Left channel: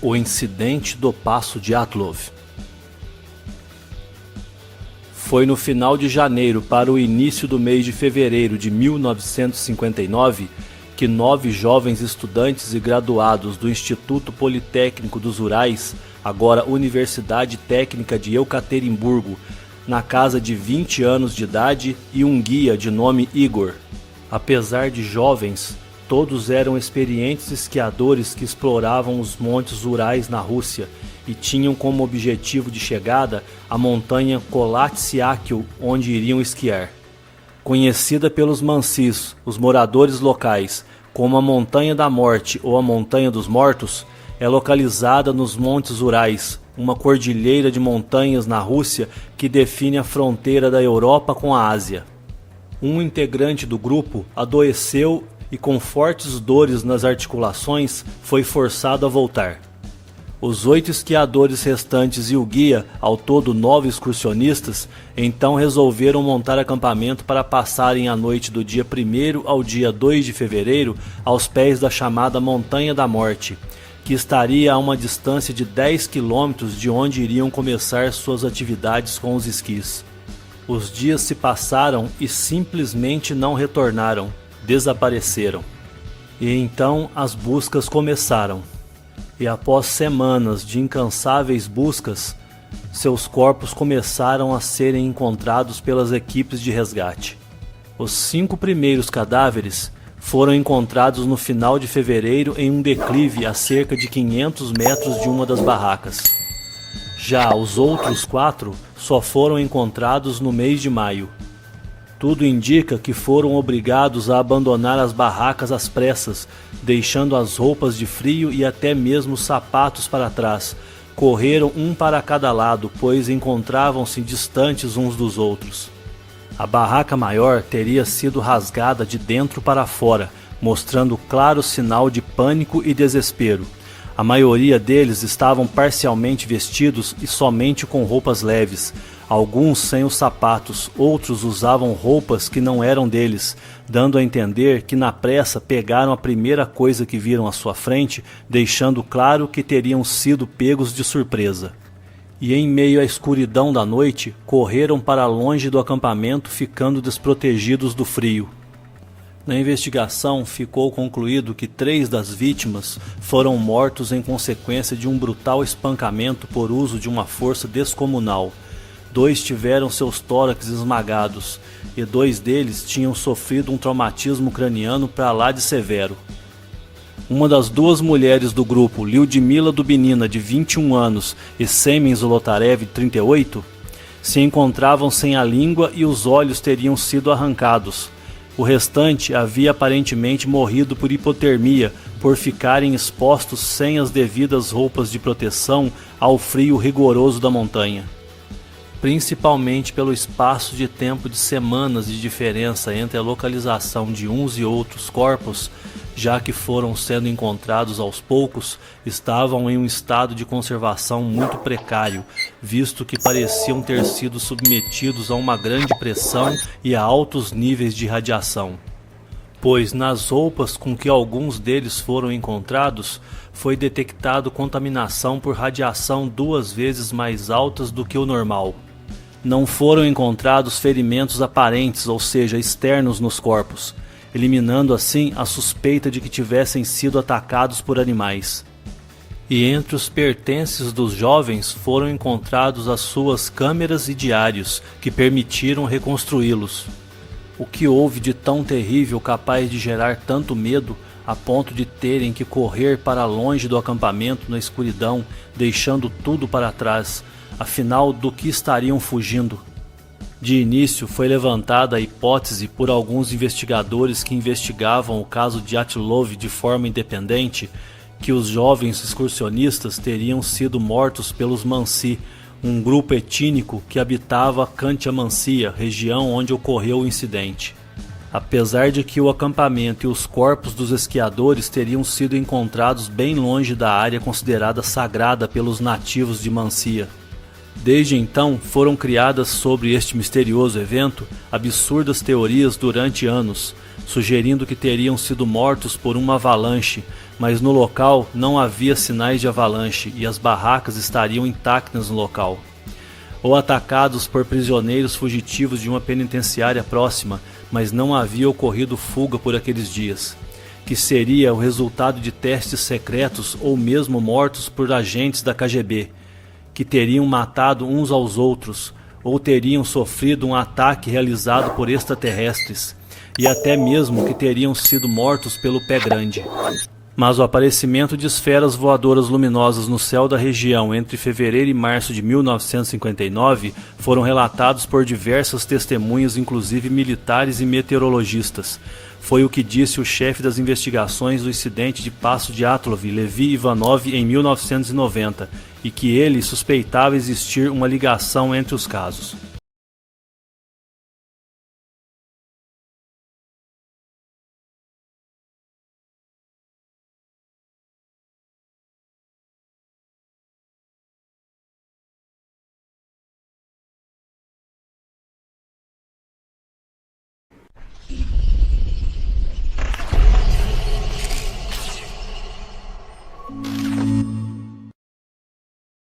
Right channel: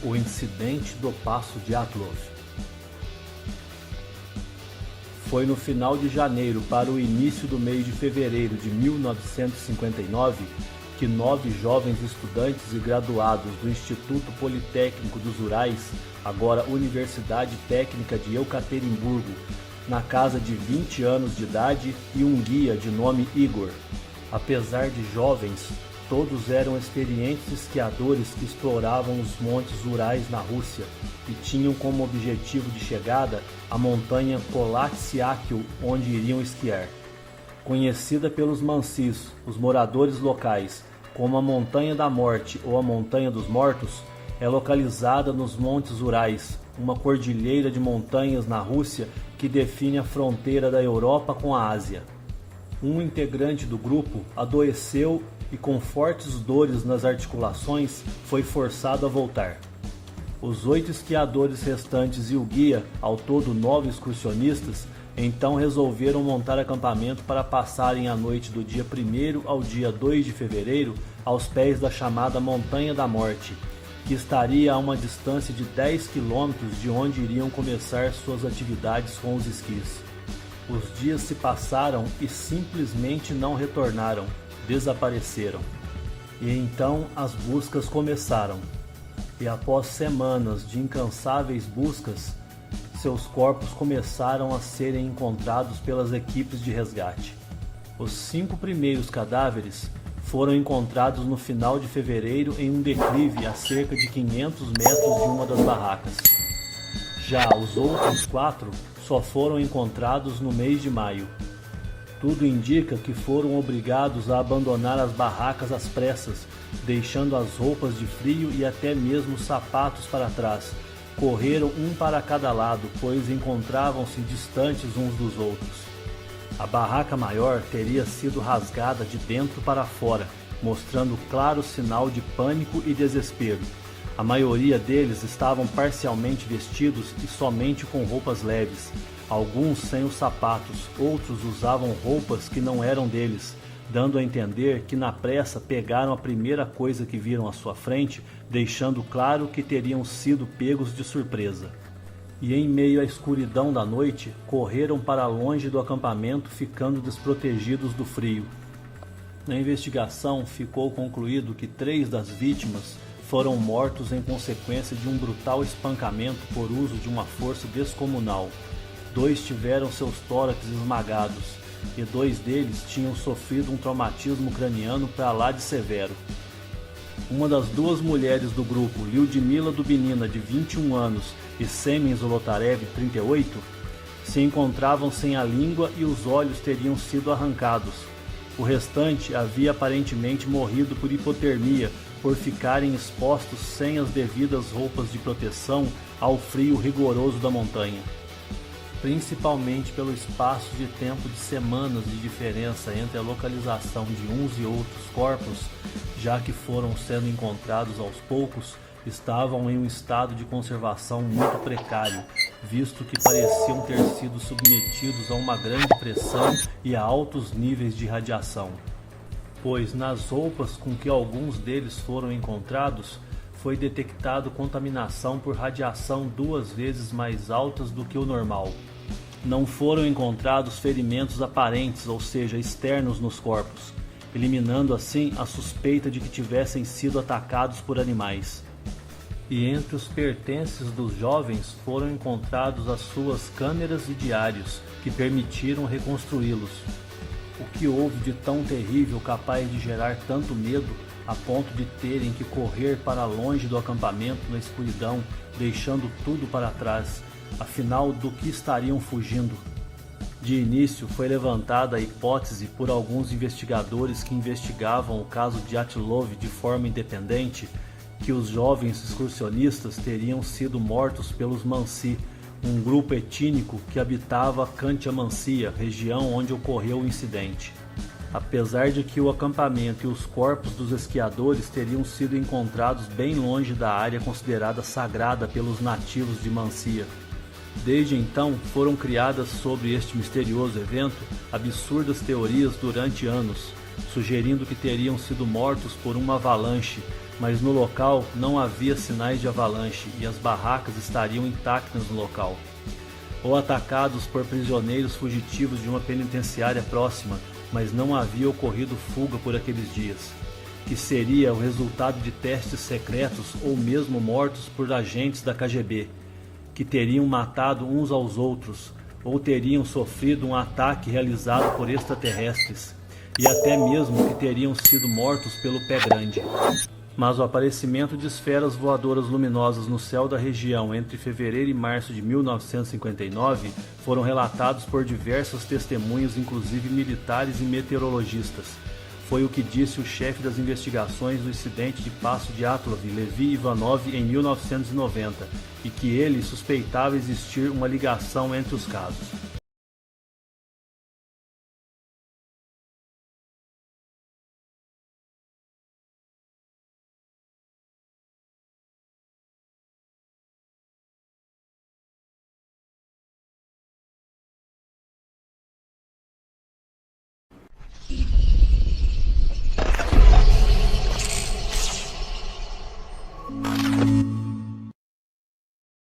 O incidente do Passo Dyatlov. Foi no final de janeiro para o início do mês de fevereiro de 1959 que 9 jovens estudantes e graduados do Instituto Politécnico dos Urais, agora Universidade Técnica de Ekaterimburgo, na casa de 20 anos de idade e um guia de nome Igor. Apesar de jovens, todos eram experientes esquiadores que exploravam os montes Urais na Rússia e tinham como objetivo de chegada a montanha Kolatsyakhl, onde iriam esquiar. Conhecida pelos mansis, os moradores locais, como a Montanha da Morte ou a Montanha dos Mortos, é localizada nos Montes Urais, uma cordilheira de montanhas na Rússia que define a fronteira da Europa com a Ásia. Um integrante do grupo adoeceu e com fortes dores nas articulações foi forçado a voltar. Os 8 esquiadores restantes e o guia, ao todo 9 excursionistas, então resolveram montar acampamento para passarem a noite do dia 1º ao dia 2 de fevereiro aos pés da chamada Montanha da Morte, que estaria a uma distância de 10 quilômetros de onde iriam começar suas atividades com os esquis. Os dias se passaram e simplesmente não retornaram. Desapareceram. E então as buscas começaram. E após semanas de incansáveis buscas, seus corpos começaram a serem encontrados pelas equipes de resgate. Os 5 primeiros cadáveres foram encontrados no final de fevereiro em um declive a cerca de 500 metros de uma das barracas. Já os outros 4 só foram encontrados no mês de maio. Tudo indica que foram obrigados a abandonar as barracas às pressas, deixando as roupas de frio e até mesmo os sapatos para trás. Correram um para cada lado, pois encontravam-se distantes uns dos outros. A barraca maior teria sido rasgada de dentro para fora, mostrando claro sinal de pânico e desespero. A maioria deles estavam parcialmente vestidos e somente com roupas leves. Alguns sem os sapatos, outros usavam roupas que não eram deles, dando a entender que na pressa pegaram a primeira coisa que viram à sua frente, deixando claro que teriam sido pegos de surpresa. E em meio à escuridão da noite, correram para longe do acampamento, ficando desprotegidos do frio. Na investigação, ficou concluído que 3 das vítimas foram mortos em consequência de um brutal espancamento por uso de uma força descomunal. 2 tiveram seus tórax esmagados, e 2 deles tinham sofrido um traumatismo craniano para lá de severo. Uma das 2 mulheres do grupo, Lyudmila Dubinina, de 21 anos, e Semen Zolotarev, de 38, se encontravam sem a língua e os olhos teriam sido arrancados. O restante havia aparentemente morrido por hipotermia, por ficarem expostos sem as devidas roupas de proteção ao frio rigoroso da montanha. Principalmente pelo espaço de tempo de semanas de diferença entre a localização de uns e outros corpos, já que foram sendo encontrados aos poucos, estavam em um estado de conservação muito precário, visto que pareciam ter sido submetidos a uma grande pressão e a altos níveis de radiação. Pois nas roupas com que alguns deles foram encontrados, foi detectado contaminação por radiação 2 vezes mais altas do que o normal. Não foram encontrados ferimentos aparentes, ou seja, externos nos corpos, eliminando assim a suspeita de que tivessem sido atacados por animais. E entre os pertences dos jovens foram encontrados as suas câmeras e diários, que permitiram reconstruí-los. O que houve de tão terrível capaz de gerar tanto medo, a ponto de terem que correr para longe do acampamento na escuridão, deixando tudo para trás, afinal do que estariam fugindo? De início foi levantada a hipótese por alguns investigadores que investigavam o caso Dyatlov de forma independente, que os jovens excursionistas teriam sido mortos pelos Mansi, um grupo étnico que habitava Khanty-Mansiysk, região onde ocorreu o incidente. Apesar de que o acampamento e os corpos dos esquiadores teriam sido encontrados bem longe da área considerada sagrada pelos nativos de Mansiysk. Desde então, foram criadas sobre este misterioso evento absurdas teorias durante anos, sugerindo que teriam sido mortos por uma avalanche, mas no local não havia sinais de avalanche e as barracas estariam intactas no local. Ou atacados por prisioneiros fugitivos de uma penitenciária próxima, mas não havia ocorrido fuga por aqueles dias, que seria o resultado de testes secretos ou mesmo mortos por agentes da KGB, que teriam matado uns aos outros, ou teriam sofrido um ataque realizado por extraterrestres, e até mesmo que teriam sido mortos pelo Pé Grande. Mas o aparecimento de esferas voadoras luminosas no céu da região entre fevereiro e março de 1959 foram relatados por diversas testemunhas, inclusive militares e meteorologistas. Foi o que disse o chefe das investigações do incidente de Passo de Atlov, Levi Ivanov, em 1990, e que ele suspeitava existir uma ligação entre os casos.